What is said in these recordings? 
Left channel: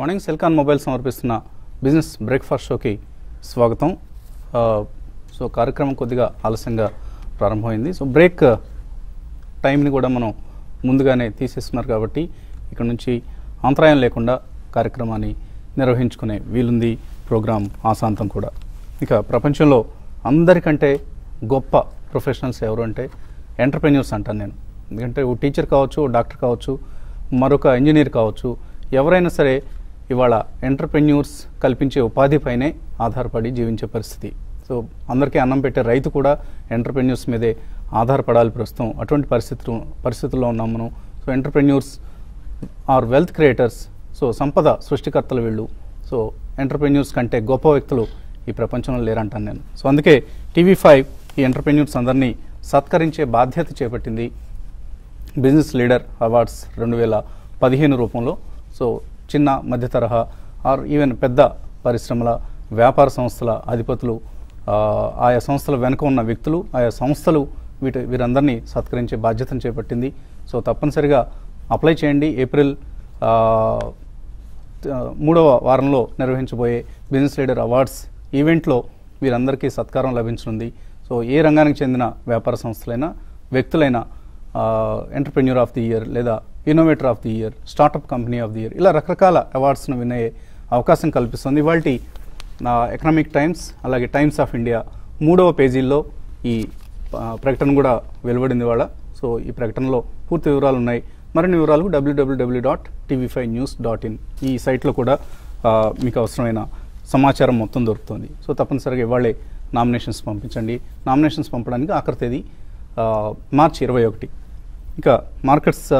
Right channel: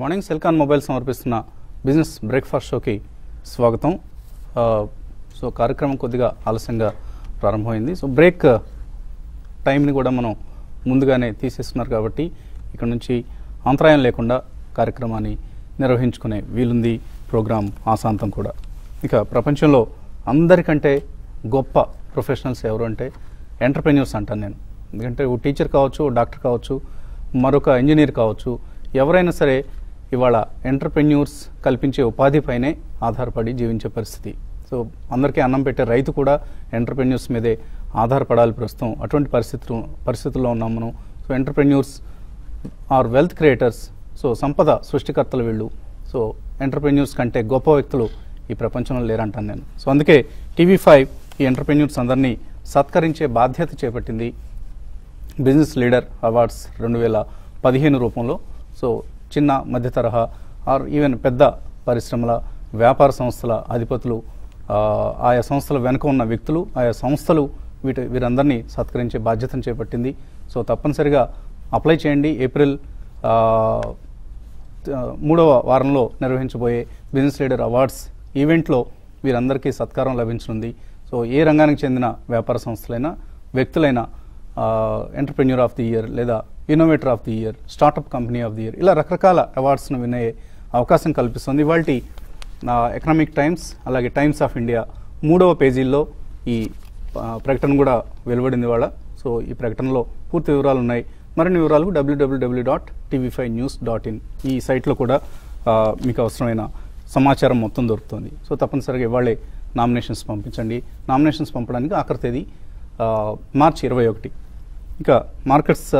Good morning. Celkon mobile సమర్పిస్తున్న business breakfast షోకి స్వాగతం. సో కార్యక్రమం కొద్దిగా ఆలస్యంగా ప్రారంభమైంది. సో బ్రేక్ టైంని కూడా మనం ముందుగానే తీసేస్తున్నారు కాబట్టి ఇక్కడ నుంచి అంతరాయం లేకుండా కార్యక్రమాన్ని నిర్వహించుకునే వీలుంది ప్రోగ్రాం ఆశాంతం కూడా. ఇక ప్రపంచంలో అందరికంటే గొప్ప ప్రొఫెషనల్స్ ఎవరు అంటే ఎంటర్ప్రెన్యూర్స్ అంటాను నేను. ఎందుకంటే ఓ టీచర్ కావచ్చు, డాక్టర్ కావచ్చు, మరొక ఇంజనీర్ కావచ్చు, ఎవరైనా సరే ఇవాళ ఎంటర్ప్రెన్యూర్స్ కల్పించే ఉపాధిపైనే ఆధారపడి జీవించే పరిస్థితి. సో అందరికీ అన్నం పెట్టే రైతు కూడా ఎంటర్ప్రెన్యూర్స్ మీదే ఆధారపడాలి ప్రస్తుతం. అటువంటి పరిస్థితుల్లో ఉన్నాం మనం. So entrepreneurs are wealth creators. So సంపద సృష్టికర్తలు వీళ్ళు. సో ఎంటర్ప్రెన్యూర్స్ కంటే గొప్ప వ్యక్తులు ఈ ప్రపంచంలో లేరంటాను నేను. సో అందుకే TV5 ఈ ఎంటర్ప్రెన్యూర్స్ అందరినీ సత్కరించే బాధ్యత చేపట్టింది బిజినెస్ లీడర్ అవార్డ్స్ 2015 రూపంలో. సో చిన్న మధ్య తరహా ఆర్ ఈవెన్ పెద్ద పరిశ్రమల వ్యాపార సంస్థల అధిపతులు, ఆయా సంస్థల వెనుక ఉన్న వ్యక్తులు, ఆయా సంస్థలు వీరందరినీ సత్కరించే బాధ్యతను చేపట్టింది. సో తప్పనిసరిగా అప్లై చేయండి. ఏప్రిల్ 3వ వారంలో నిర్వహించబోయే బిజినెస్ లీడర్ అవార్డ్స్ ఈవెంట్లో వీరందరికీ సత్కారం లభించనుంది. సో ఏ రంగానికి చెందిన వ్యాపార సంస్థలైనా, వ్యక్తులైనా ఎంటర్ప్రెన్యూర్ ఆఫ్ ది ఇయర్ లేదా innovator of the year, startup company of the year, ఇలా రకరకాల అవార్డ్స్ను వినే అవకాశం కల్పిస్తుంది. ఇవాల్టి ఎకనామిక్ టైమ్స్ అలాగే టైమ్స్ ఆఫ్ ఇండియా 3వ పేజీల్లో ఈ ప్రకటన కూడా వెలువడింది ఇవాళ. సో ఈ ప్రకటనలో పూర్తి వివరాలు ఉన్నాయి. మరిన్ని వివరాలు www.tv5news.in ఈ సైట్లో కూడా మీకు అవసరమైన సమాచారం మొత్తం దొరుకుతుంది. సో తప్పనిసరిగా ఇవాళే నామినేషన్స్ పంపించండి. నామినేషన్స్ పంపడానికి ఆఖరి తేదీ మార్చి 21. ఇక మార్కెట్స్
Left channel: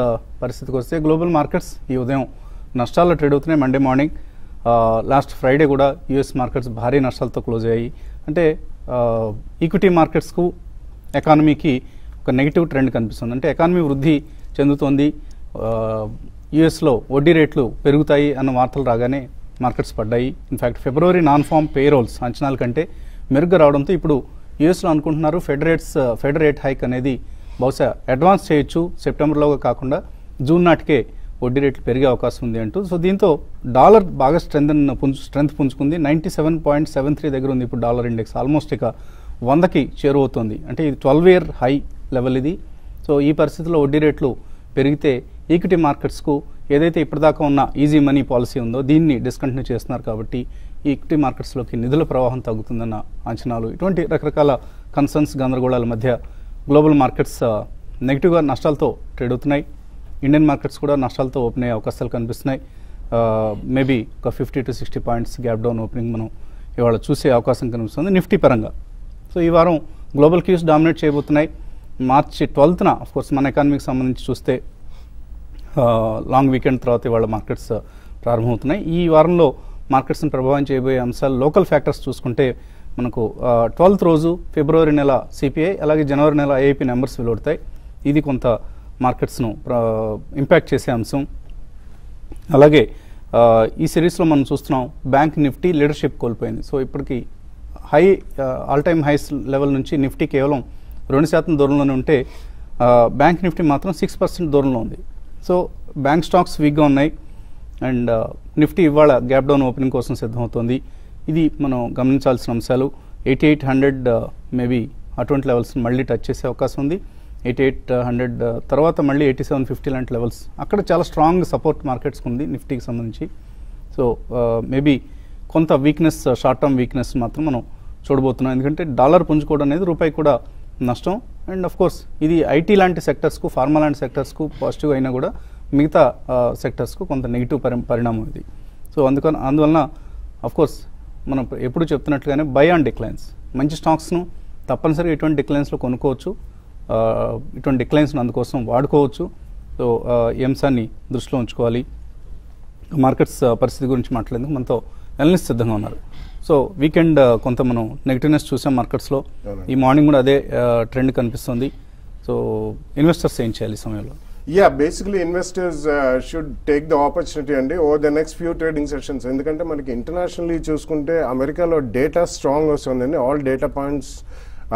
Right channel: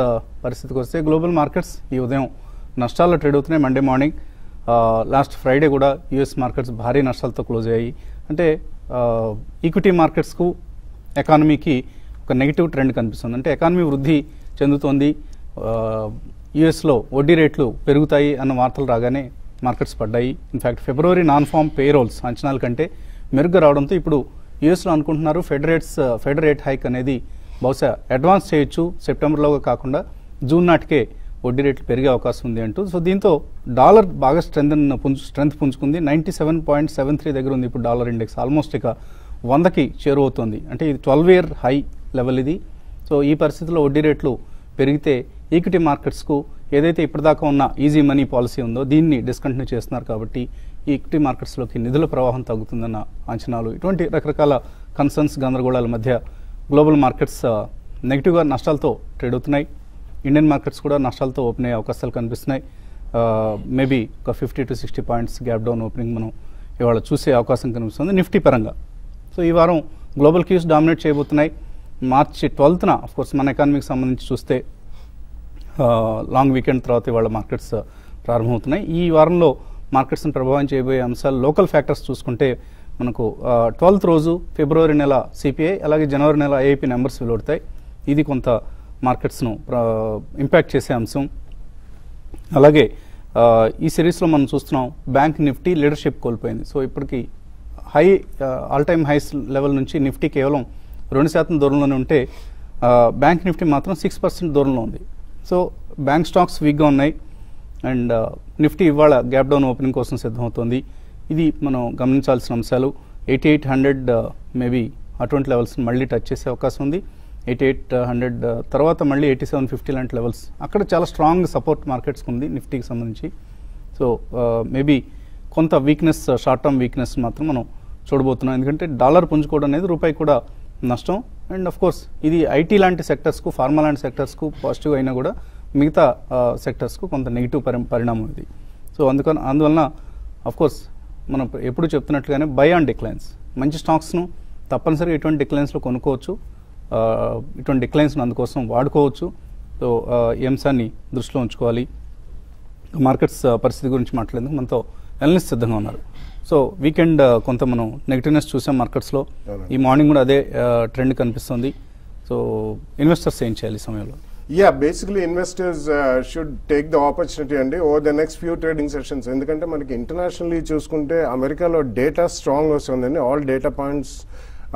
పరిస్థితికి వస్తే గ్లోబల్ మార్కెట్స్ ఈ ఉదయం నష్టాల్లో ట్రేడ్ అవుతున్నాయి. మండే మార్నింగ్, లాస్ట్ ఫ్రైడే కూడా యుఎస్ మార్కెట్స్ భారీ నష్టాలతో క్లోజ్ అయ్యాయి. అంటే ఈక్విటీ మార్కెట్స్కు ఎకానమీకి ఒక నెగిటివ్ ట్రెండ్ కనిపిస్తుంది. అంటే ఎకానమీ వృద్ధి చెందుతోంది, యుఎస్లో వడ్డీ రేట్లు పెరుగుతాయి అన్న వార్తలు రాగానే మార్కెట్స్ పడ్డాయి. ఇన్ఫాక్ట్ ఫిబ్రవరి నాన్ ఫామ్ పేరోల్స్ అంచనాల కంటే మెరుగ్గా రావడంతో ఇప్పుడు యుఎస్లో అనుకుంటున్నారు ఫెడ్ రేట్ హైక్ అనేది బహుశా అడ్వాన్స్ చేయొచ్చు, సెప్టెంబర్లో కాకుండా జూన్ నాటికే వడ్డీ రేట్లు పెరిగే అవకాశం ఉంది అంటూ. సో దీంతో డాలర్ బాగా స్ట్రెంత్ పుంజుకుంది. 97.73 దగ్గర ఉంది ఇప్పుడు డాలర్ ఇండెక్స్. ఆల్మోస్ట్ ఇక 100కి చేరువవుతోంది. అంటే ఇది 12-year హై లెవెల్ ఇది. సో ఈ పరిస్థితిలో వడ్డీ రేట్లు పెరిగితే ఈక్విటీ మార్కెట్స్కు ఏదైతే ఇప్పటిదాకా ఉన్న ఈజీ మనీ పాలసీ ఉందో దీన్ని డిస్కంటిన్యూ చేస్తున్నారు కాబట్టి ఈక్విటీ మార్కెట్స్లోకి నిధుల ప్రవాహం తగ్గుతుందన్న అంచనాలు, ఇటువంటి రకరకాల కన్సర్న్స్, గందరగోళాల మధ్య గ్లోబల్ మార్కెట్స్ నెగిటివ్గా నష్టాలతో ట్రేడ్ అవుతున్నాయి. ఇండియన్ మార్కెట్స్ కూడా నష్టాలతో ఓపెన్ అయ్యే అవకాశాలు కనిపిస్తున్నాయి. మేబీ ఒక 50 to 60 points gap down opening మనం ఇవాళ చూసే అవకాశం కనిపిస్తుంది నిఫ్టీ పరంగా. సో ఈ వారం గ్లోబల్ క్యూస్ డామినేట్ చేయబోతున్నాయి. మార్చి 12న ఆఫ్కోర్స్ మన ఎకానమీకి సంబంధించి చూస్తే లాంగ్ వీకెండ్ తర్వాత ఇవాళ మార్కెట్స్ ప్రారంభమవుతున్నాయి. ఈ వారంలో మార్కెట్స్ని ప్రభావం చేయబోయే అంశాలు లోకల్ ఫ్యాక్టర్స్ చూసుకుంటే మనకు 12th రోజు ఫిబ్రవరి నెల సిపిఐ అలాగే జనవరి నెల ఏఐపీ నెంబర్స్ వెలువడతాయి. ఇది కొంత మార్కెట్స్ను ఇంపాక్ట్ చేసే అంశం. అలాగే ఈ సిరీస్లో మనం చూస్తున్నాం బ్యాంక్ నిఫ్టీ లీడర్షిప్ కోల్పోయింది. సో ఇప్పటికి ఆల్ టైమ్ హైస్ లెవెల్ నుంచి నిఫ్టీ కేవలం 2% దూరంలోనే ఉంటే బ్యాంక్ నిఫ్టీ మాత్రం 6% దూరంలో ఉంది. సో బ్యాంక్ స్టాక్స్ వీక్గా ఉన్నాయి అండ్ నిఫ్టీ ఇవాళ గ్యాప్ డౌన్ ఓపెనింగ్ కోసం సిద్ధమవుతోంది. ఇది మనం గమనించాల్సిన అంశాలు. 8800 మేబీ అటువంటి లెవెల్స్ మళ్ళీ టచ్ చేసే అవకాశం ఉంది. 8800 తర్వాత మళ్ళీ 8750 లాంటి లెవెల్స్ అక్కడ చాలా స్ట్రాంగ్ సపోర్ట్ మార్కెట్స్ ఉంది నిఫ్టీకి సంబంధించి. సో మేబీ కొంత వీక్నెస్, షార్ట్ టర్మ్ వీక్నెస్ మాత్రం మనం చూడబోతున్నాం. ఎందుకంటే డాలర్ పుంజుకోవడం అనేది రూపాయి కూడా నష్టం. అండ్ ఆఫ్ కోర్స్ ఇది ఐటీ లాంటి సెక్టర్స్కు, ఫార్మా లాంటి సెక్టర్స్కు పాజిటివ్ అయినా కూడా మిగతా సెక్టర్స్కు కొంత నెగిటివ్ పరిణామం ఇది. సో అందువలన ఆఫ్ కోర్స్ మనం ఎప్పుడు చెప్తున్నట్లుగానే బై ఆన్ డిక్లైన్స్, మంచి స్టాక్స్ను తప్పనిసరిగా ఇటువంటి డిక్లైన్స్లో కొనుక్కోవచ్చు, ఇటువంటి డిక్లైన్స్ను అందుకోసం వాడుకోవచ్చు. సో ఈ అంశాన్ని దృష్టిలో ఉంచుకోవాలి. మార్కెట్స్ పరిస్థితి గురించి మాట్లాడేందుకు మనతో అనలిస్ట్ సిద్ధంగా ఉన్నారు. సో వీకెండ్ కొంత మనం నెగిటివ్నెస్ చూసాం మార్కెట్స్లో. ఈ మార్నింగ్ కూడా అదే ట్రెండ్ కనిపిస్తుంది. సో ఇన్వెస్టర్స్ ఏం చేయాలి ఈ సమయంలో? Yeah, basically investors should take the opportunity and over the next few trading sessions. ఎందుకంటే మనకి ఇంటర్నేషనల్లీ చూసుకుంటే అమెరికాలో డేటా స్ట్రాంగ్ వస్తుందండి. All data points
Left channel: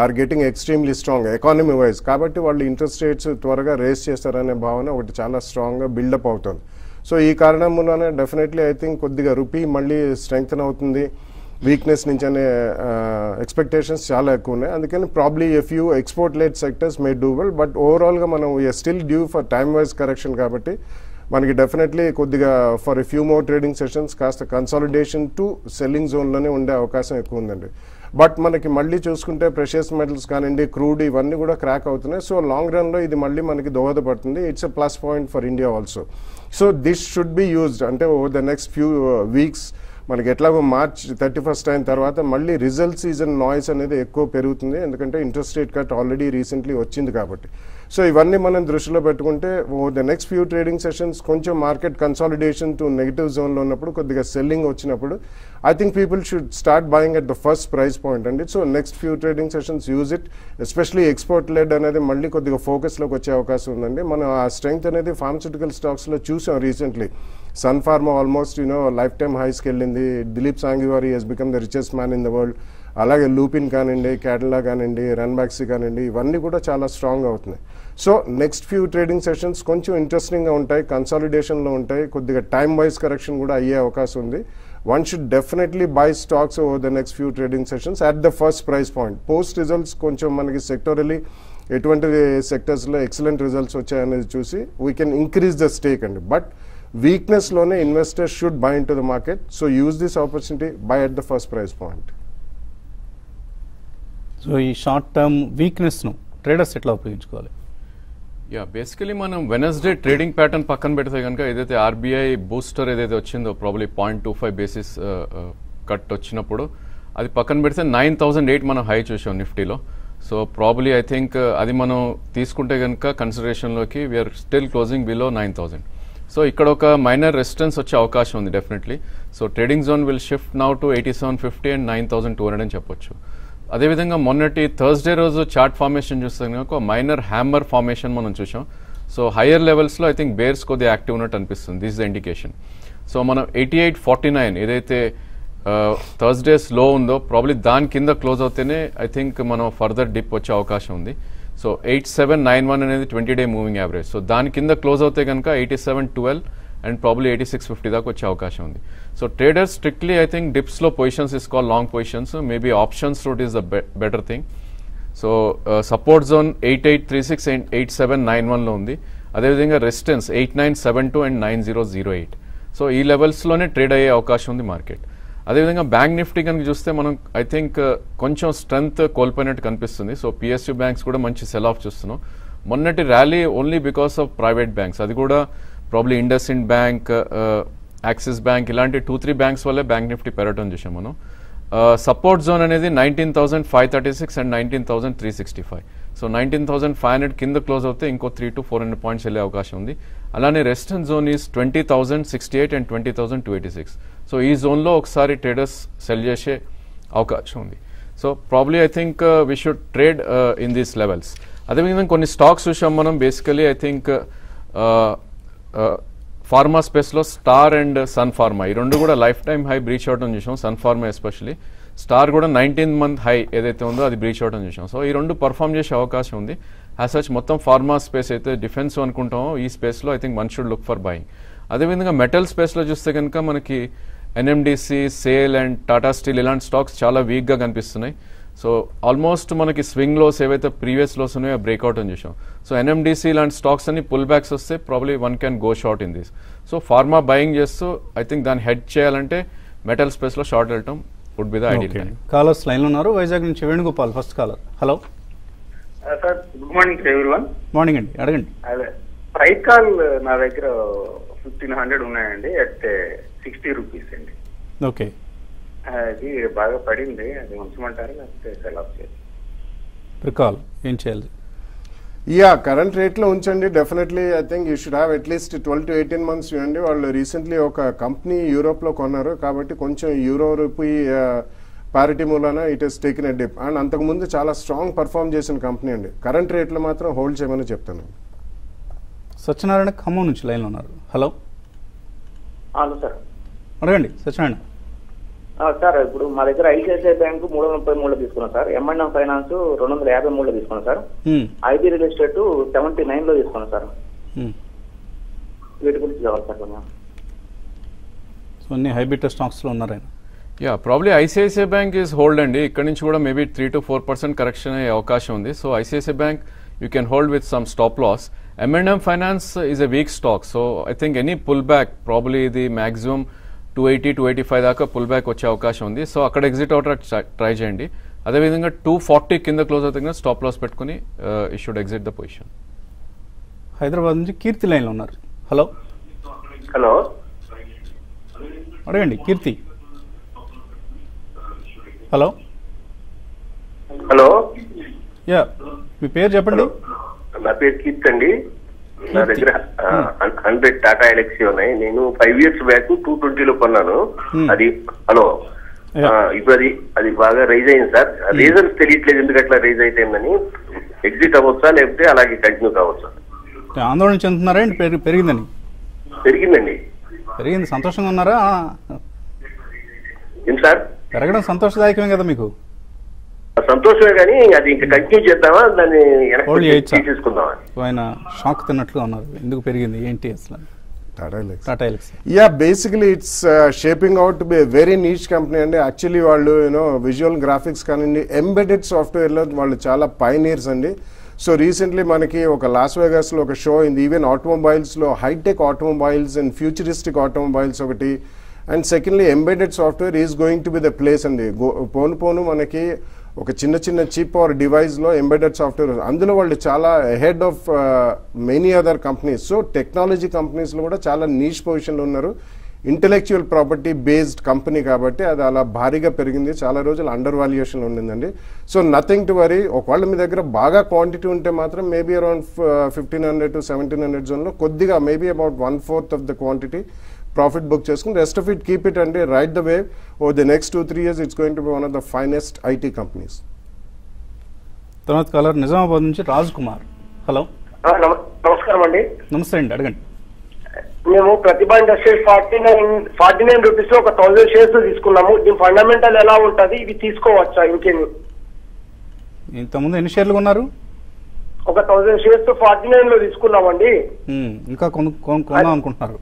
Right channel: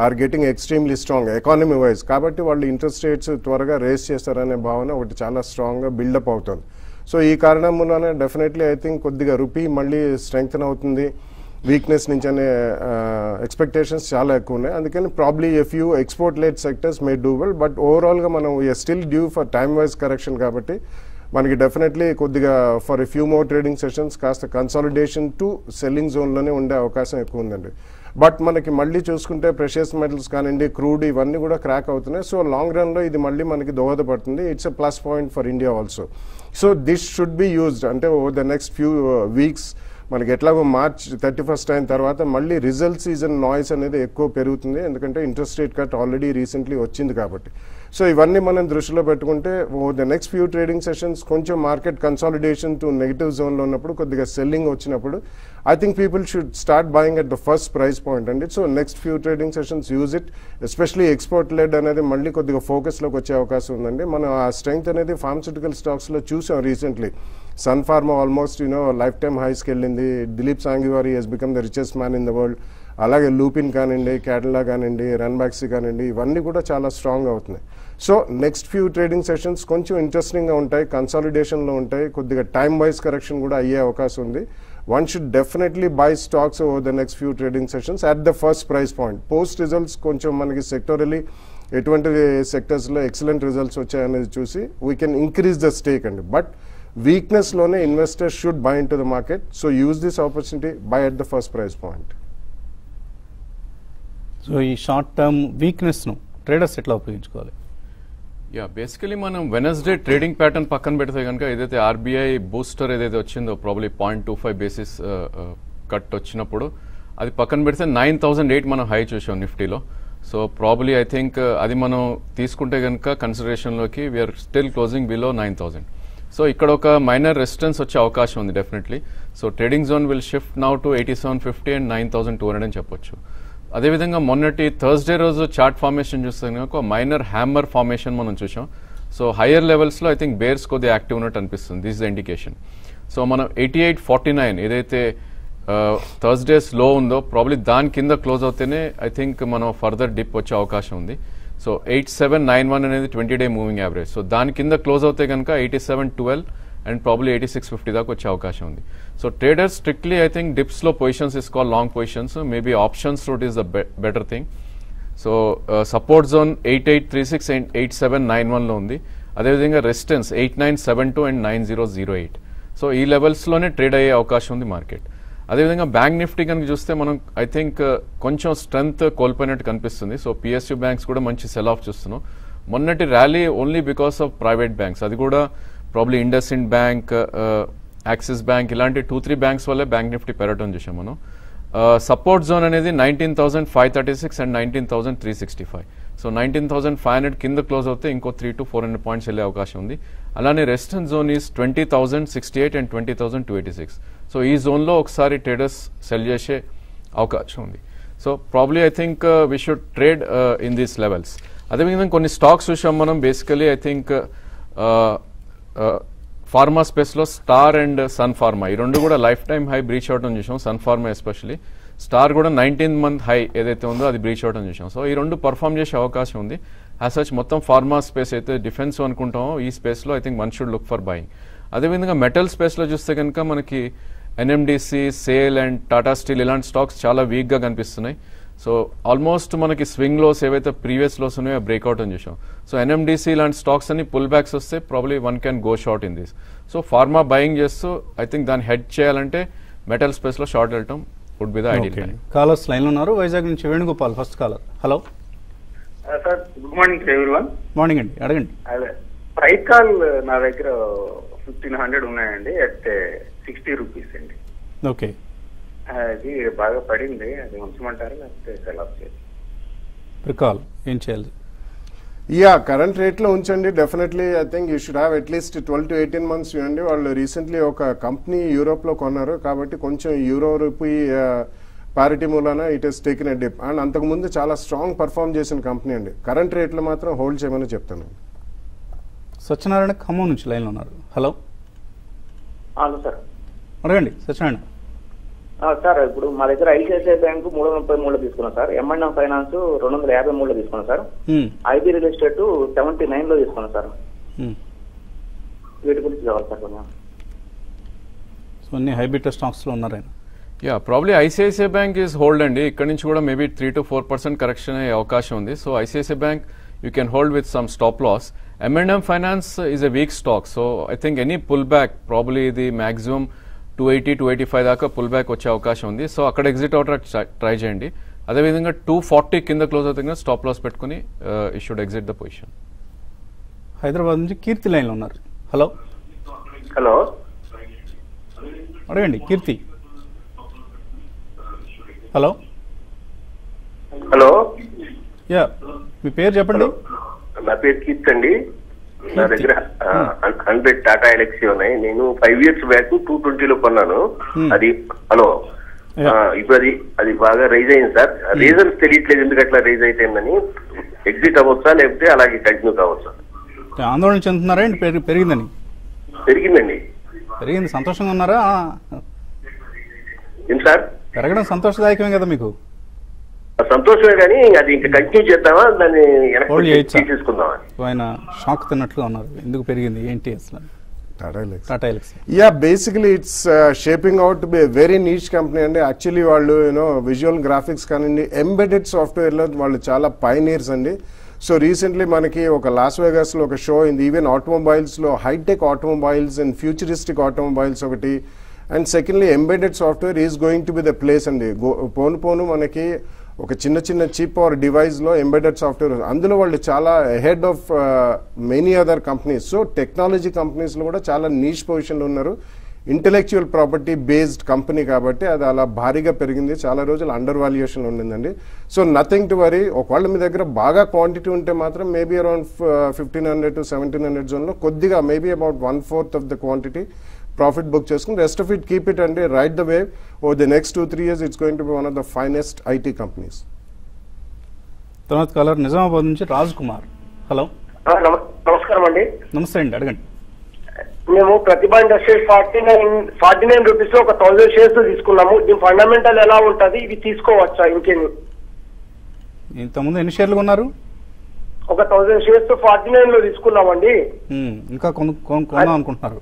are getting extremely strong economy wise. కాబట్టి వాళ్ళు ఇంట్రెస్ట్ రేట్స్ త్వరగా రేస్ చేస్తారనే భావన ఒకటి చాలా స్ట్రాంగ్ గా బిల్డప్ అవుతుంది. సో ఈ కారణం మూలన డెఫినెట్లీ ఐ థింక్ కొద్దిగా రూపీ మళ్ళీ స్ట్రెంగ్తన్ అవుతుంది వీక్నెస్ నుంచి అనే ఎక్స్పెక్టేషన్స్ చాలా ఎక్కువ ఉన్నాయి. అందుకని probably a few export lead sectors May do well, but overall గా మనం we are still due for time wise correction కాబట్టి మనకి డెఫినెట్లీ కొద్దిగా for a few more trading sessions కాస్త కన్సాలిడేషన్ టు సెల్లింగ్ జోన్ లోనే ఉండే అవకాశం ఎక్కువ ఉందండి. బట్ మనకి మళ్ళీ చూసుకుంటే ప్రెషియస్ మెటల్స్ కానివ్వండి, క్రూడ్ ఇవన్నీ కూడా క్రాక్ అవుతున్నాయి. సో లాంగ్ రన్ లో ఇది మళ్ళీ మనకి దోహదపడుతుంది. It's a plus point for India also. So this should be used అంటే over the next few weeks. మనకి ఎట్లాగో March 31 అయిన తర్వాత మళ్ళీ రిజల్ట్ సీజన్ నాయిస్ అనేది ఎక్కువ పెరుగుతుంది, ఎందుకంటే interest rate cut already recently వచ్చింది కాబట్టి. సో ఇవన్నీ మనం దృష్టిలో పెట్టుకుంటే over the next few trading sessions కొంచెం market consolidation to negative zone లో ఉన్నప్పుడు, కొద్దిగా సెల్లింగ్ వచ్చినప్పుడు I think people should start buying at the first price point and so next few trading sessions use it, especially export led అనేది మళ్ళీ కొద్దిగా focus లోకి వచ్చే అవకాశం ఉందండి. మనం ఆ స్ట్రెంగ్త్ అనేది ఫార్మస్యూటికల్ స్టాక్స్ లో చూసాం recently. Sun Pharma almost life time highs కి వెళ్ళింది. దిలీప్ సాంఘివారి he's become the richest man in the world. అలాగే లూపిన్ కానివ్వండి, క్యాటలా కానివ్వండి, రన్బాక్సీ కానివ్వండి, ఇవన్నీ కూడా చాలా స్ట్రాంగ్ అవుతున్నాయి. So next few trading sessions కొంచెం ఇంట్రెస్టింగ్ గా ఉంటాయి, కన్సాలిడేషన్ లో ఉంటాయి, కొద్దిగా టైమ్ వైజ్ కరెక్షన్ కూడా అయ్యే అవకాశం ఉంది. One should definitely buy stocks over the next few trading sessions at the first price point. Post results కొంచెం మనకి సెక్టోరల్లీ ఎటువంటి సెక్టర్స్ లో ఎక్సలెంట్ రిజల్ట్స్ వచ్చాయనేది చూసి we can increase the stake అండి. బట్ వీక్నెస్ లోనే investors should buy in to the market. So use this opportunity, by at the first price point. So ఈ short term weakness ను traders ఎట్లా ఉపయోగించుకోవాలి? Basically మనం Wednesday trading pattern పక్కన పెడితే కనుక ఏదైతే ఆర్బీఐ బూస్టర్ ఏదైతే వచ్చిందో ప్రాబ్లీ 0.25 బేసిస్ కట్ వచ్చినప్పుడు అది పక్కన పెడితే 9,008 మనం హై చూసాం నిఫ్టీలో. సో ప్రాబ్లీ ఐ థింక్ అది మనం తీసుకుంటే కనుక కన్సిడరేషన్ లోకి we are still closing below 9,000. So ఇక్కడ ఒక మైనర్ రెసిస్టెన్స్ వచ్చే అవకాశం ఉంది definitely. So trading zone will shift now to 8750 and 9,200 అని చెప్పొచ్చు. అదేవిధంగా మొన్నటి థర్స్డే రోజు చార్ట్ ఫార్మేషన్ చూస్తే ఒక మైనర్ హ్యామర్ ఫార్మేషన్ మనం చూసాం. సో హైయర్ లెవెల్స్ లో ఐ థింక్ బేర్స్ కొద్దిగా యాక్టివ్ ఉన్నట్టు అనిపిస్తుంది. This the indication. సో మనం 8849 ఏదైతే థర్స్డేస్ లో ఉందో ప్రాబ్లీ దాని కింద క్లోజ్ అవుతేనే ఐ థింక్ మనం ఫర్దర్ డిప్ వచ్చే అవకాశం ఉంది. సో 8791 అనేది 20-day మూవింగ్ యావరేజ్. సో దాని కింద క్లోజ్ అవుతే కనుక 8712 అండ్ ప్రాబ్లీ 8650 దాకా వచ్చే అవకాశం ఉంది. So traders strictly I think dips లో పొజిషన్స్ తీసుకోవాలి, long positions. Maybe options route is the better thing. So support zone 8836 and 8791 లో ఉంది. అదేవిధంగా రెసిస్టెన్స్ 8972 అండ్ 9008. సో ఈ లెవెల్స్ లోనే ట్రేడ్ అయ్యే అవకాశం ఉంది మార్కెట్. అదేవిధంగా బ్యాంక్ నిఫ్టీ కనుక చూస్తే మనం ఐ థింక్ కొంచెం స్ట్రెంగ్త్ కోల్పోయినట్టు కనిపిస్తుంది. సో పిఎస్యూ బ్యాంక్స్ కూడా మంచి సెల్ ఆఫ్ చూస్తున్నాం. మొన్నటి rally only because of private banks, అది కూడా probably IndusInd bank, Axis bank ఇలాంటి 2-3 బ్యాంక్స్ వల్లే బ్యాంక్ నిఫ్టీ పెరగడం చేసాం మనం. సపోర్ట్ జోన్ అనేది 19,536 అండ్ 19,365. సో 19,500 కింద క్లోజ్ అవుతే ఇంకో 300 to 400 పాయింట్స్ వెళ్ళే అవకాశం ఉంది. అలానే resistance zone is 20,068 and 20,286. So ఈ జోన్ లో ఒకసారి ట్రేడర్స్ సెల్ చేసే అవకాశం ఉంది. So probably I think we should trade in these levels. అదేవిధంగా కొన్ని స్టాక్స్ చూసాం మనం. Basically I think pharma space లో స్టార్ అండ్ సన్ ఫార్మా ఈ రెండు కూడా లైఫ్ టైమ్ హై బ్రీచ్ అవడం చూసాం. సన్ ఫార్మా ఎస్పెషల్లీ, స్టార్ కూడా 19th month హై ఏదైతే ఉందో అది బ్రీచ్ అవడం చూసాం. సో ఈ రెండు పర్ఫార్మ్ చేసే అవకాశం ఉంది. యాజ్ సచ్ మొత్తం ఫార్మా స్పేస్ అయితే డిఫెన్స్ అనుకుంటామో ఈ స్పేస్ లో I think one should look for buying. అదేవిధంగా మెటల్ స్పేస్ లో చూస్తే కనుక మనకి NMDC, sale and Tata steel ఇలాంటి స్టాక్స్ చాలా వీక్ గా కనిపిస్తున్నాయి. సో ఆల్మోస్ట్ మనకి స్వింగ్ లోస్ ఏవైతే ప్రీవియస్ లోస్ ఉన్నాయో బ్రేక్అవుట్ అని చూసాం. సో ఎన్ఎండిసి ఇలాంటి స్టాక్స్ అని పుల్ బ్యాక్స్ వస్తే probably one can go short in this. So pharma buying చేస్తూ ఐ థింక్ దాన్ని హెడ్ చేయాలంటే మెటల్ స్పేస్ లో షార్ట్ వెళ్ళటం would be the idea. Callers line లో ఉన్నారు. వైజాగ్ నుంచి Venugopal first caller. Hello sir, good morning everyone. Morning అండి, అడగండి. అదే ఐకాల్ నా దగ్గర 1,500 ఉన్నాయండి అట్ 60 రూపీస్ అండి. ఓకే, అది బాగా పడింది, అది ఉంచమంటారు లేకపోతే సెల్ ఆఫ్ చేయాలి? రికాల్ ఏం చేయాలి? యా, కరెంట్ రేట్ లో ఉంచండి. Definitely I think you should have at least 12 to 18 months చూడండి. వాళ్ళు రీసెంట్లీ ఒక కంపెనీ యూరోప్ లో కొన్నారు కాబట్టి కొంచెం యూరో రూపీ పారిటీ మూలాన it has taken a dip. And అంతకు ముందు చాలా స్ట్రాంగ్ పర్ఫార్మ్ చేసిన కంపెనీ అండి. కరెంట్ రేట్ లో మాత్రం హోల్డ్ చేయమని చెప్తాను. సత్యనారాయణ ఖమ్మం నుంచి లైన్ లో ఉన్నారు. హలో సార్, అడగండి సత్యనారాయణ. సార్, ఇప్పుడు మా దగ్గర ఐసిఐసిఐ బ్యాంకు 333 తీసుకున్నాం సార్. ఎంఐఎం ఫైనాన్స్ 253 తీసుకున్నాం సార్. ఐటీ రియల్ ఎస్టేట్ 79 లో తీసుకున్నాం సార్. వీటి గురించి కావాలి సార్. సో అన్ని హైబ్రిడ్ స్టాక్స్ లో ఉన్నారు ఆయన. Yeah probably ICICI bank is hold అండి. ఇక్కడ నుంచి కూడా మేబీ 3 to 4% కరెక్షన్ అయ్యే అవకాశం ఉంది. So ICICI bank you can hold with some stop loss. M&M Finance is a weak stock, so I think any pullback probably the maximum 280 285 దాకా pull back వచ్చే అవకాశం ఉంది. సో అక్కడ ఎగ్జిట్ అవుట్ ట్రై చేయండి. అదేవిధంగా 240 కింద క్లోజ్ అవుతుంది, stop loss పెట్టుకుని you should exit the position. Hyderabad నుంచి కీర్తి లైన్ ఉన్నారు. హలో హలో అడగండి కీర్తి. హలో హలో యా మీ పేరు చెప్పండి. నా పేరు కీర్తి అండి. నా దగ్గర 100 టాటా ఎలక్సీ ఉన్నాయి. నేను 5 years బ్యాక్ 220 లో కొన్నాను. అది హలో ఇప్పుడు అది బాగా రైజ్ అయింది సార్. రీజన్స్ తెలియట్లేదు ఎందుకు అట్లా రైజ్ అయిపోయిందని. ఎగ్జిట్ అవ్వచ్చా లేకపోతే అలాగే కంటిన్యూ కావచ్చా? ఆందోళన చెందుతున్నారా పెరిగిందని? పెరిగిందండి. పెరిగింది, సంతోషంగా ఉన్నారా? ఏం సార్ పెరగడం సంతోషదాయకమే కదా మీకు? సంతోషమే కానీ అది ఇంకా కంటిన్యూ చేద్దామా దాన్ని తీసుకుందామా? ఆయన షాక్ తిన్నట్లుగా ఉన్నారు. ఎందుకు పెరిగింది ఏంటి అసలు? Tata Elxsi. Yeah, basically it's shaping out to be a very niche company అండి. యాక్చువల్లీ వాళ్ళు విజువల్ గ్రాఫిక్స్ కానివ్వండి, ఎంబెడెడ్ సాఫ్ట్వేర్ లో వాళ్ళు చాలా పైనీర్స్ అండి. సో రీసెంట్లీ మనకి ఒక లాస్ వేగాస్ లో ఒక షో అయింది. ఈవెన్ ఆటోమొబైల్స్ లో hi tech automobiles and futuristic automobiles ఒకటి. And secondly embedded software is going to be the place అండి. పోను మనకి ఒక చిన్న చీప్ ఆర్ డివైస్ లో ఎంబెడెడ్ సాఫ్ట్వేర్, అందులో వాళ్ళు చాలా head of many other companies. So technology companies లో కూడా చాలా నీష్ పొజిషన్ ఉన్నారు. ఇంటెలెక్చువల్ ప్రాపర్టీ బేస్డ్ కంపెనీ కాబట్టి అది అలా భారీగా పెరిగింది. చాలా రోజులు అండర్ వాల్యుయేషన్ ఉండిందండి. So nothing to worry. ఒకవేళ మీ దగ్గర బాగా క్వాంటిటీ ఉంటే మాత్రం మేబీ అరౌండ్ 1500 to 1700 జోన్ లో కొద్దిగా maybe about 1/4 of the quantity profit book చేసుకుని rest of it keep it అండి. Right the way over the next 2-3 years it's going to be one of the finest IT companies. తర్వాత caller Nizamabad నుంచి Raj Kumar. Hello నమస్కారం అండి. నమస్తే అండి, అడగండి. మేము ప్రతిభ ఇండస్ట్రీస్ 49 రూపీస్ లో ఒక 1000 షేర్స్ తీసుకున్నాము. ఇది ఫండమెంటల్ ఎలా ఉంటది, ఇది తీసుకోవచ్చా? ఇంకేమి ఇంతకుముందు ఎన్ని షేర్లు కొన్నారు? ఒక 1000 షేర్స్ 49 లో తీసుకున్నామండి. ఇంకా కొనాలి అనుకుంటున్నారు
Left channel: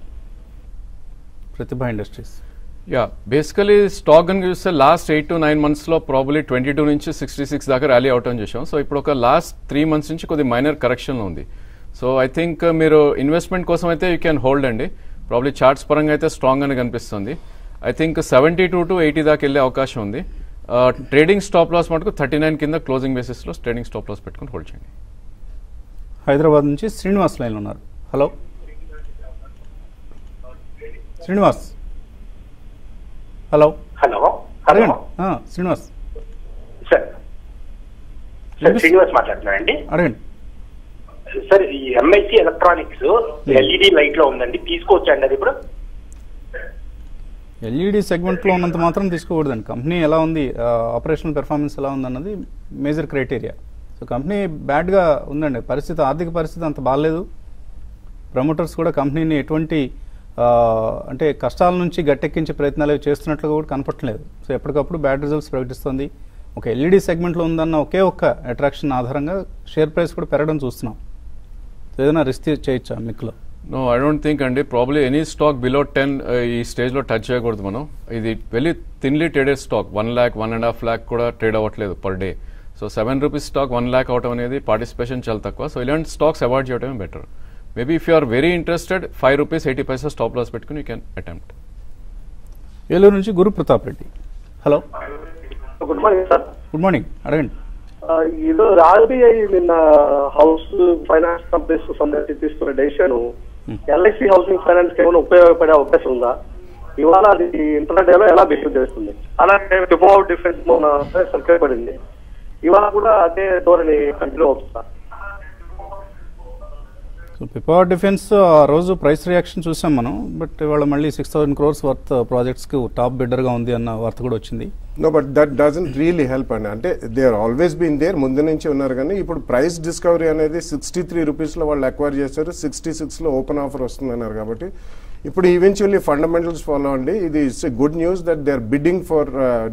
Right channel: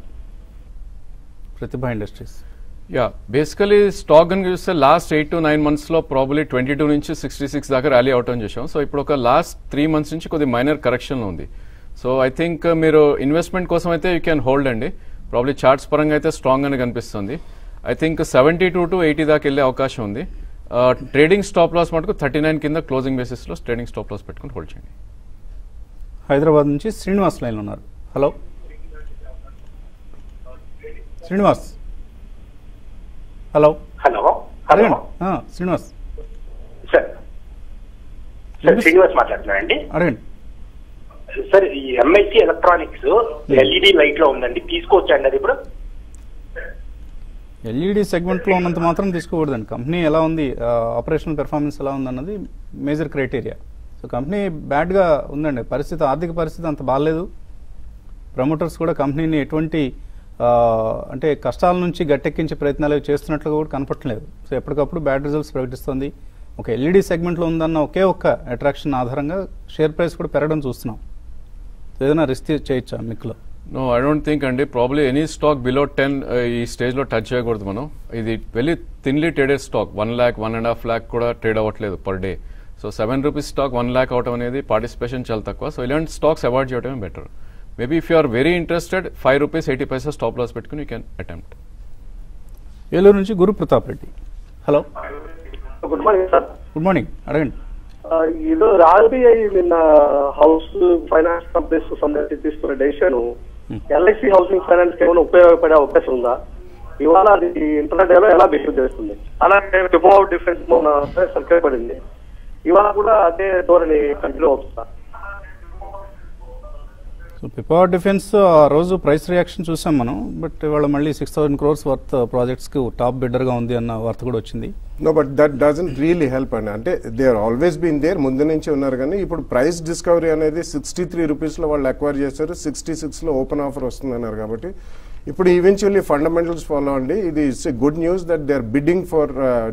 ప్రతిభ ఇండస్ట్రీస్? యా బేసికలీ స్టాక్ అని చూస్తే లాస్ట్ 8 to 9 months లో ప్రాబ్లీ 22 నుంచి 66 దాకా ర్యాలీ అవటం చేసాం. సో ఇప్పుడు ఒక లాస్ట్ 3 months నుంచి కొద్ది మైనర్ కరెక్షన్ ఉంది. సో ఐ థింక్ మీరు ఇన్వెస్ట్మెంట్ కోసం అయితే యూ క్యాన్ హోల్డ్ అండి. ప్రాబ్లీ చార్ట్స్ పరంగా అయితే స్ట్రాంగ్ అని కనిపిస్తుంది. ఐ థింక్ 72 to 80 దాకా వెళ్లే అవకాశం ఉంది. ట్రేడింగ్ స్టాప్ లాస్ మటుకు 39 కింద క్లోజింగ్ బేసిస్ లో ట్రేడింగ్ స్టాప్ లాస్ పెట్టుకుని హోల్డ్ చేయండి. హైదరాబాద్ నుంచి శ్రీనివాస్ లైన్ ఉన్నారు. Hello Srinivas. Hello hello hello Srinivas sir. Srinivas మాట్లాడుతున్నా అండి. అడగండి సార్. ఈ ఎంఎస్సి ఎలక్ట్రానిక్స్ ఎల్ఈడి లైట్ లో ఉందండి, తీసుకోవచ్చండి అది కూడా? ఎల్ఈడి సెగ్మెంట్ లో ఉన్నంత మాత్రం తీసుకోకూడదండి. కంపెనీ ఎలా ఉంది, ఆపరేషనల్ పెర్ఫార్మెన్స్ ఎలా ఉంది అన్నది major criteria. So company bad గా ఉందండి, పరిస్థితి, ఆర్థిక పరిస్థితి అంత బాగాలేదు. ప్రమోటర్స్ కూడా కంపెనీని ఎటువంటి అంటే కష్టాల నుంచి గట్టెక్కించే ప్రయత్నాలు చేస్తున్నట్లుగా కూడా కనపట్లేదు. సో ఎప్పటికప్పుడు బ్యాడ్ రిజల్ట్స్ ప్రకటిస్తుంది. ఒక ఎల్ఈడి సెగ్మెంట్ లో ఉందన్న ఒకే ఒక్క అట్రాక్షన్ ఆధారంగా షేర్ ప్రైస్ కూడా పెరగడం చూస్తున్నాం. ఏదైనా రిస్క్ చేయొచ్చా మీకులో? నో ఐ డోంట్ థింక్ అండి. ప్రాబ్లీ ఎనీ స్టాక్ బిలో 10 ఈ స్టేజ్ లో టచ్ చేయకూడదు మనం. ఇది very thinly traded stock. 1 lakh 1.5 lakh కూడా ట్రేడ్ అవ్వట్లేదు per day. So 7 rupees stock 1 lakh అవడం అనేది పార్టిసిపేషన్ చాలా తక్కువ. సో ఇలాంటి స్టాక్స్ అవాయిడ్ చేయడమే better. Maybe if you are very interested 5 rupees 80 paisa stop loss పెట్టుకుని యూ కెన్ అటెంప్ట్. ఏలూరు నుంచి గురు Pratap Reddy. Hello good morning sir. Good morning, అడగండి. ఇది ఆర్బీఐ నిన్న హౌస్ ఫైనాన్స్ కంపెనీస్ సంబంధించి తీసుకున్న డెసిషన్ ఎల్ఐసి హౌసింగ్ ఫైనాన్స్ ఏమైనా ఉపయోగపడే అవకాశం ఉందా? ఇవాళ అది ఇంటర్నెట్ ఎలా బిహేవ్ చేస్తుంది? అలాగే డిఫాల్ట్ డిఫరెన్స్ ఉపయోగపడింది. ఇవాళ కూడా అదే ధోరణి కంటిన్యూ అవుతుందా? పిపవర్ డిఫెన్స్ ఆ రోజు ప్రైస్ రియాక్షన్ చూసాం మనం. బట్ ఇవాళ మళ్ళీ 6,000 crores వర్త్ ప్రాజెక్ట్స్ కు టాప్ బిడ్డర్ గా ఉంది అన్న వార్త కూడా వచ్చింది. No but that doesn't really help అండి. అంటే they are always been there, ముందు నుంచి ఉన్నారు. కానీ ఇప్పుడు ప్రైస్ డిస్కవరీ అనేది 63 rupees లో వాళ్ళు అక్వైర్ చేశారు, 66 లో ఓపెన్ ఆఫర్ వస్తుందన్నారు. కాబట్టి ఇప్పుడు ఈవెన్చువల్లీ ఫండమెంటల్స్ ఫాలో అండి. ఇది it's a good news that they are bidding for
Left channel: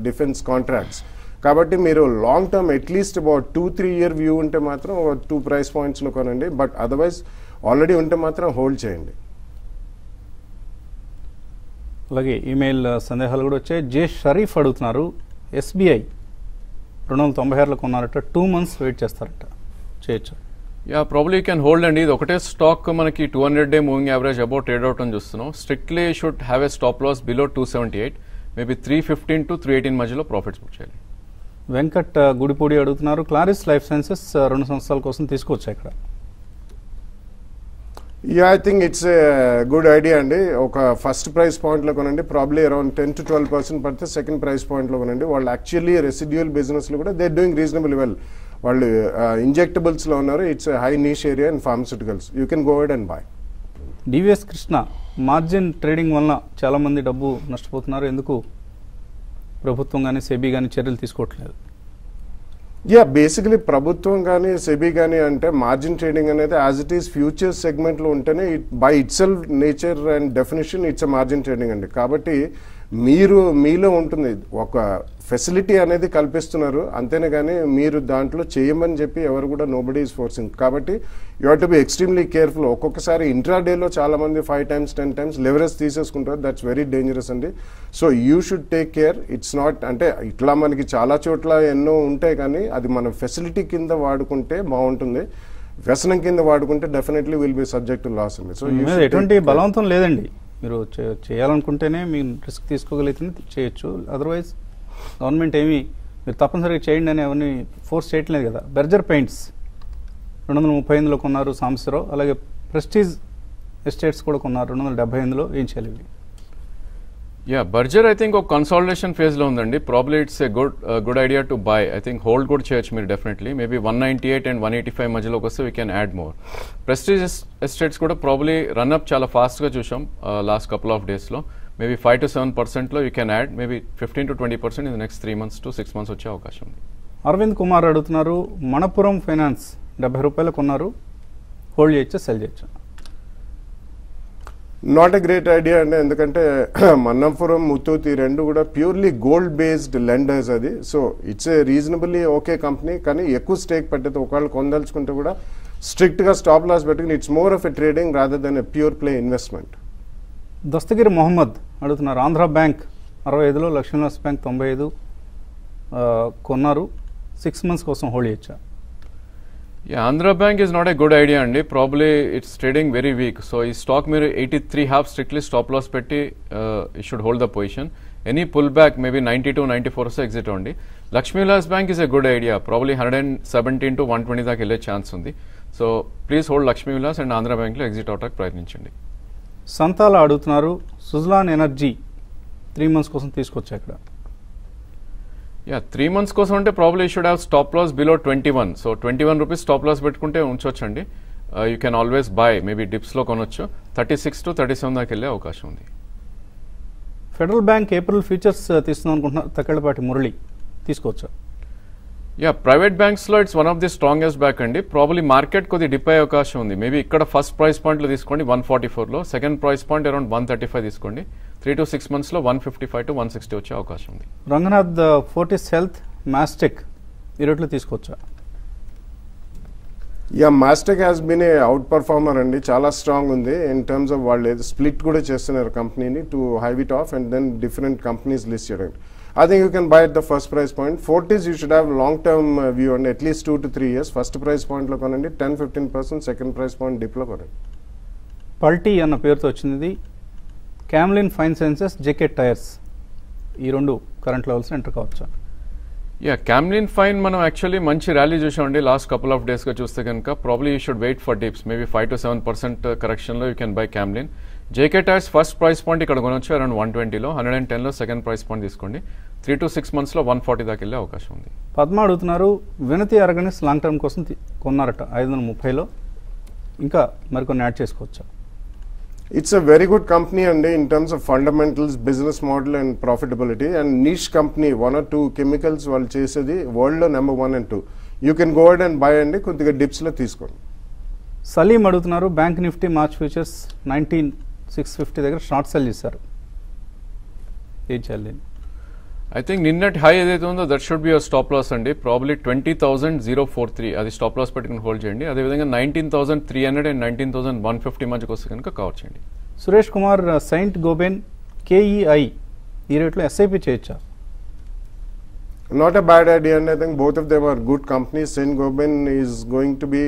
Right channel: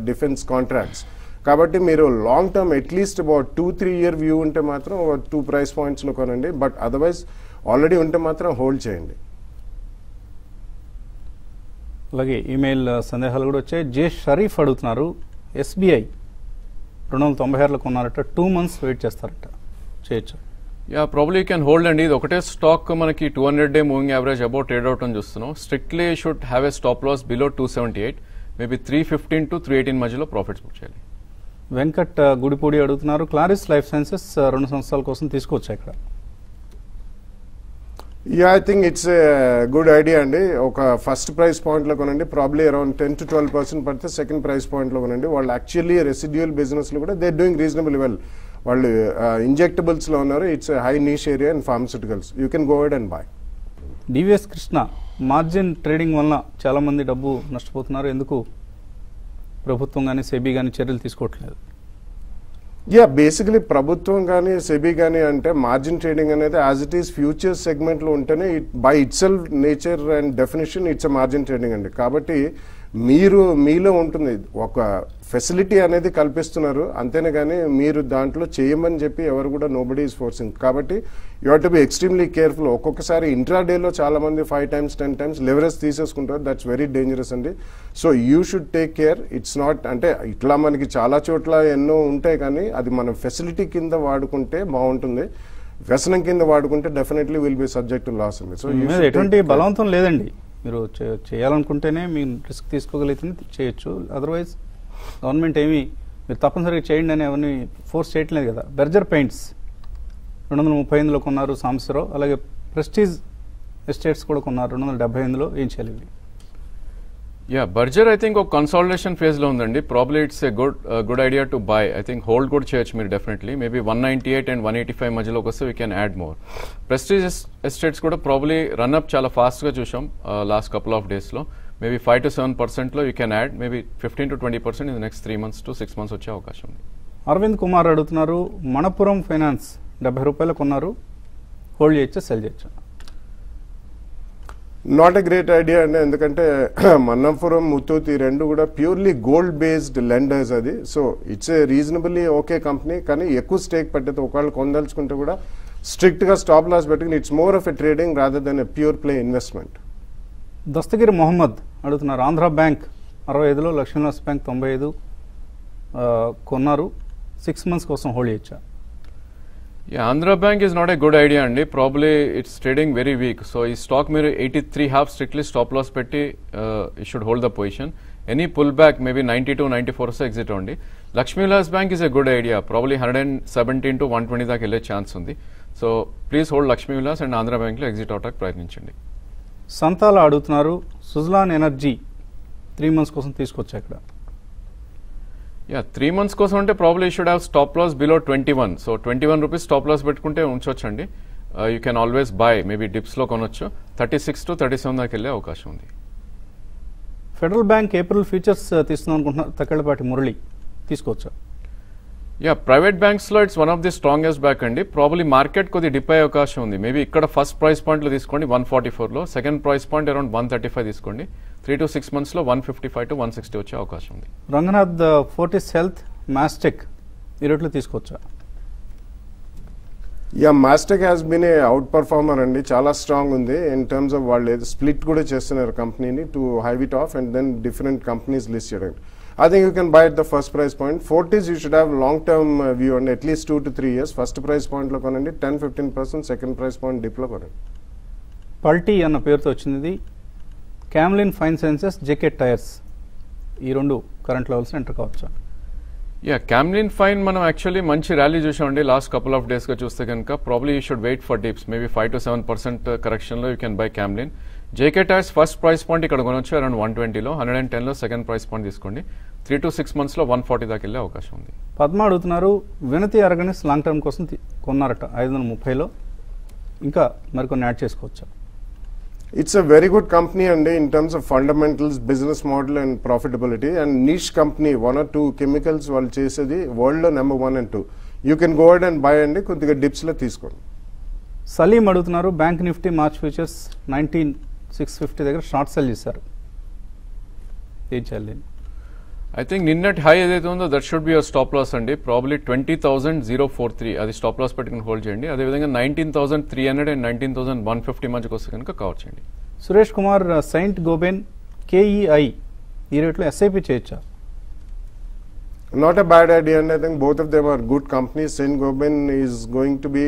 defence contracts. కాబట్టి మీరు long term at least about 2-3 year view ఉంటే మాత్రం 2 price points లో కొనండి. బట్ అదర్వైజ్ ఆల్రెడీ ఉంటే మాత్రం హోల్డ్ చేయండి. అలాగే ఈమెయిల్ సందేహాలు కూడా వచ్చాయి. జే షరీఫ్ అడుగుతున్నారు, SBI 296లో కొన్నారట, 2 months వెయిట్ చేస్తారట, చేయొచ్చు? Yeah probably you can hold అండి. ఇది ఒకటే స్టాక్ మనకి 200-day moving average about trade out అని చూస్తున్నాం. Strictly should have a stop loss below 278, maybe 315 to 318 మధ్యలో ప్రాఫిట్స్ బుక్ చేయాలి. వెంకట్ గుడిపూడి అడుగుతున్నారు, క్లారిస్ లైఫ్ సైన్సెస్ 2 సంవత్సరాల కోసం తీసుకోవచ్చు ఇక్కడ? Yeah, I think it's a good idea అండి. ఒక ఫస్ట్ ప్రైస్ పాయింట్ లో కొనండి, ప్రాబ్లీ అరౌండ్ 10 to 12% పడితే సెకండ్ ప్రైస్ పాయింట్ లో కొనండి. వాళ్ళు యాక్చువల్లీ రెసిడ్యూల్ బిజినెస్ లో కూడా దే డూయింగ్ రీజనబుల్ వెల్. వాళ్ళు ఇంజెక్టబుల్స్ లో ఉన్నారు. It's high niche area and pharmaceuticals. You can go ahead and by. DVS Krishna, margin trading వల్ల చాలా మంది డబ్బు నష్టపోతున్నారు, ఎందుకు ప్రభుత్వం కానీ సెబీ కానీ చర్యలు తీసుకోవట్లేదు? యా, బేసికలీ ప్రభుత్వం కానీ సెబీ కానీ అంటే మార్జిన్ ట్రేడింగ్ అనేది as it is future segment లో ఉంటేనే by it self nature and definition it's margin trading అండి. కాబట్టి మీలో ఉంటుంది ఒక ఫెసిలిటీ అనేది కల్పిస్తున్నారు అంతేనే కానీ మీరు దాంట్లో చేయమని చెప్పి ఎవరు కూడా నోబడీ ఈస్ ఫోర్సింగ్. కాబట్టి you have to be extremely careful. ఒక్కొక్కసారి ఇంట్రాడేలో చాలా మంది 5 times 10 times లెవరేజ్ తీసేసుకుంటారు. దట్స్ వెరీ డేంజరస్ అండి. So you should take care. It's not అంటే ఇట్లా మనకి చాలా చోట్ల ఎన్నో ఉంటాయి కానీ అది మన ఫెసిలిటీ కింద వాడుకుంటే బాగుంటుంది. వ్యసనం కింద వాడుకుంటే definitely will be subject to loss అండి. సో ఎటువంటి బలవంతం లేదండి, మీరు చేయాలనుకుంటేనే మీ రిస్క్ తీసుకోగలిగితే చేయొచ్చు. అదర్వైజ్ గవర్నమెంట్ ఏమి మీరు తప్పనిసరిగా చేయండి అని ఎవరిని ఫోర్స్ చేయట్లేదు కదా. బెర్జర్ పెయింట్స్ 238లో కొన్నారు సాంబశివరావు, అలాగే ప్రెస్టీజ్ ఎస్టేట్స్ కూడా కొన్నారు 278లో. ఏం చేయాలి? యా, బర్జర్ ఐ థింక్ ఒక కన్సాలిడేషన్ ఫేజ్ లో ఉందండి. Probably it's a good idea to buy. I think hold కూడా చేయొచ్చు మీరు డెఫినెట్లీ. మేబీ 198 and 185 మధ్యలోకి వస్తే we can add more. Prestige estates కూడా ప్రాబ్లీ రన్అప్ చాలా ఫాస్ట్ గా చూసాం లాస్ట్ కపుల్ ఆఫ్ డేస్ లో. మేబీ 5 to 7% లో you can add. Maybe 15 to 20% in next 3 months to 6 months వచ్చే అవకాశం ఉంది. అరవింద్ కుమార్ అడుగుతున్నారు, మణపురం ఫైనాన్స్ 70 రూపాయలు కొన్నారు, హోల్డ్ చేయొచ్చా సెల్ చేయొచ్చా? నాట్ ఎ గ్రేట్ ఐడియా అండి. ఎందుకంటే మన్నపురం ముత్తూతి రెండు కూడా ప్యూర్లీ గోల్డ్ బేస్డ్ లెండర్స్ అది. So it's a reasonably okay company. కానీ ఎక్కువ స్టేక్ పెట్టదు. ఒకవేళ కొనదలుచుకుంటే కూడా స్ట్రిక్ట్ గా స్టాప్ లాస్ పెట్టుకుని it's more of a trading rather than a pure play investment. Dastagiri Mohammed అడుగుతున్నారు, ఆంధ్ర బ్యాంక్ 65లో, లక్ష్మీనివాస్ బ్యాంక్ 95 కొన్నారు, 6 months కోసం హోల్డ్ చేయొచ్చా? Andhra bank is not a good idea అండి. Probably it's trading very weak. So ఈ స్టాక్ మీరు 83.5 స్ట్రిక్ట్లీ స్టాప్ లాస్ పెట్టి you should hold the position. Any pull back maybe 92, 94 exit అవ్వండి. Lakshmi Vilas bank is a good idea. Probably 117 to 120 దాకా వెళ్ళే chance ఉంది. So please hold Lakshmi Vilas and Andhra bank లో exit అవడానికి ప్రయత్నించండి. సంతాల అడుగుతున్నారు, సుజలాన్ ఎనర్జీ 3 months కోసం తీసుకోవచ్చు ఇక్కడ? యా, 3 months కోసం అంటే probably you should have stop loss below 21. So 21 rupees stop loss పెట్టుకుంటే ఉంచొచ్చండి. You can always buy. Maybe dips లో కొనొచ్చు. 36 to 37 దాకా వెళ్ళే అవకాశం ఉంది. ఫెడరల్ బ్యాంక్ ఏప్రిల్ ఫ్యూచర్స్ తీసుకుందాం అనుకుంటున్నారు, తక్కడపాటి మురళి, తీసుకోవచ్చా? యా, ప్రైవేట్ బ్యాంక్స్ లో it's one of the strongest bank అండి. ప్రాబ్లీ మార్కెట్ కొద్ది డిప్ అయ్యే అవకాశం ఉంది. మేబీ ఇక్కడ ఫస్ట్ ప్రైస్ పాయింట్ లో తీసుకోండి 144 లో, సెకండ్ ప్రైస్ పాయింట్ అరౌండ్ 135 తీసుకోండి. 3 to 6 months లో 155 to 160 వచ్చే అవకాశం ఉంది. రంగనాథ్, ఫోర్టిస్ హెల్త్, మాస్టెక్ ఈ రేట్లో తీసుకోవచ్చా? Yeah, Mastek has been a outperformer అండి. చాలా స్ట్రాంగ్ ఉంది ఇన్ టర్మ్స్ ఆఫ్ వాళ్ళు స్ప్లిట్ కూడా చేస్తున్నారు కంపెనీని to hive it off and then different companies list చేయడం. I think you can buy at the first price point. Fortis you should have long term view on at least 2 to 3 years. First price point lo konandi 10-15%, second price point dip lo konandi. పల్టీ అన్న పేరుతో వచ్చింది. Camlin fine sciences, JK tyres ఈ రెండు current levels enter కావచ్చా? Yeah, Camlin fine మనం actually మంచి rally చూసామండి లాస్ట్ కపుల్ ఆఫ్ డేస్ గా చూస్తే కనుక. Probably you should wait for dips. Maybe 5 to 7% correction లో you can buy Camlin. JK tyres first price point ఇక్కడ కొనొచ్చు అరౌండ్ 120 లో, 110 లో సెకండ్ ప్రైస్ పాయింట్ తీసుకోండి. 3 to 6 months లో 140 దాకా వెళ్ళే అవకాశం ఉంది. పద్మ అడుగుతున్నారు, వినతి ఆర్గానిక్స్ లాంగ్ టర్మ్ కోసం కొన్నారట 530 లో, ఇంకా మరికొన్ని యాడ్ చేసుకోవచ్చా? It's a very good company and in terms of fundamentals, business model and profitability, and niche company, 1 or 2 chemicals వాళ్ళు చేసేది వరల్డ్ లో number 1 and 2. You can go ahead and buy అండి, కొద్దిగా డిప్స్ లో తీసుకోండి. సలీం అడుగుతున్నారు, బ్యాంక్ నిఫ్టీ మార్చ్ ఫ్యూచర్స్ 19,650 దగ్గర short cell చేశారు, ఏం చేయాలి? ఐ థింక్ నిన్నటి హై ఏదైతే ఉందో that should be stop loss అండి. ప్రాబ్లీ 20,043 అది స్టాప్ లాస్ పెట్టుకుని హోల్డ్ చేయండి. అదేవిధంగా 19,300 and 19,150 మధ్యకి వస్తే కనుక కవర్ చేయండి. Suresh Kumar, Saint Gobain KEI ఈ రేట్లో SIP చేయొచ్చా? Not a bad idea, and I think both of them are good companies. Saint-Gobain is going to be,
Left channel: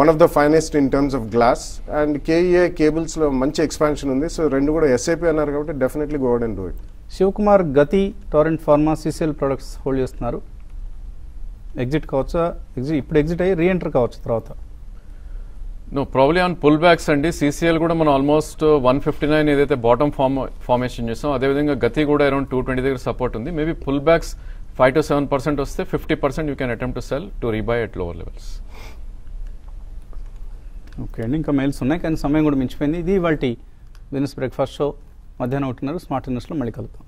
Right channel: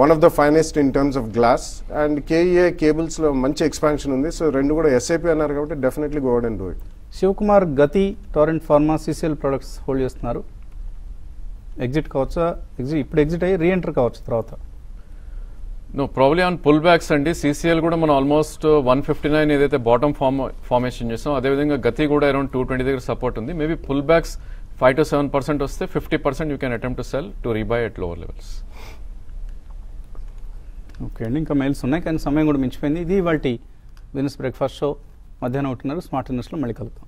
one of the finest in terms of glass, and KEI cables lo manchi expansion undi. So rendu kuda SIP annaru kabatti definitely go ahead and do it. Shivakumar గతి Torrent Pharma CCL products hold చేస్తున్నారు. Exit కావచ్చా? ఇప్పుడు exit అయ్యి reenter కావచ్చు తర్వాత? No, probably on pullbacks అండి. CCL కూడా మనం ఆల్మోస్ట్ 159 ఏదైతే బాటమ్ ఫార్మేషన్ చేస్తాం, అదేవిధంగా గతి కూడా అరౌండ్ 220 దగ్గర సపోర్ట్ ఉంది. మేబీ పుల్ బ్యాక్స్ 5 to 7% వస్తే 50% you can attempt to cell to రీబై at lower levels. Okay అండి, ఇంకా మెయిల్స్ ఉన్నాయి కానీ సమయం కూడా మించిపోయింది. ఇది వాటి బిజినెస్ బ్రేక్ఫాస్ట్ షో. మధ్యాహ్నం 1:30 స్మార్ట్ ఇన్వెస్ట్లో మళ్ళీ కలుద్దాం.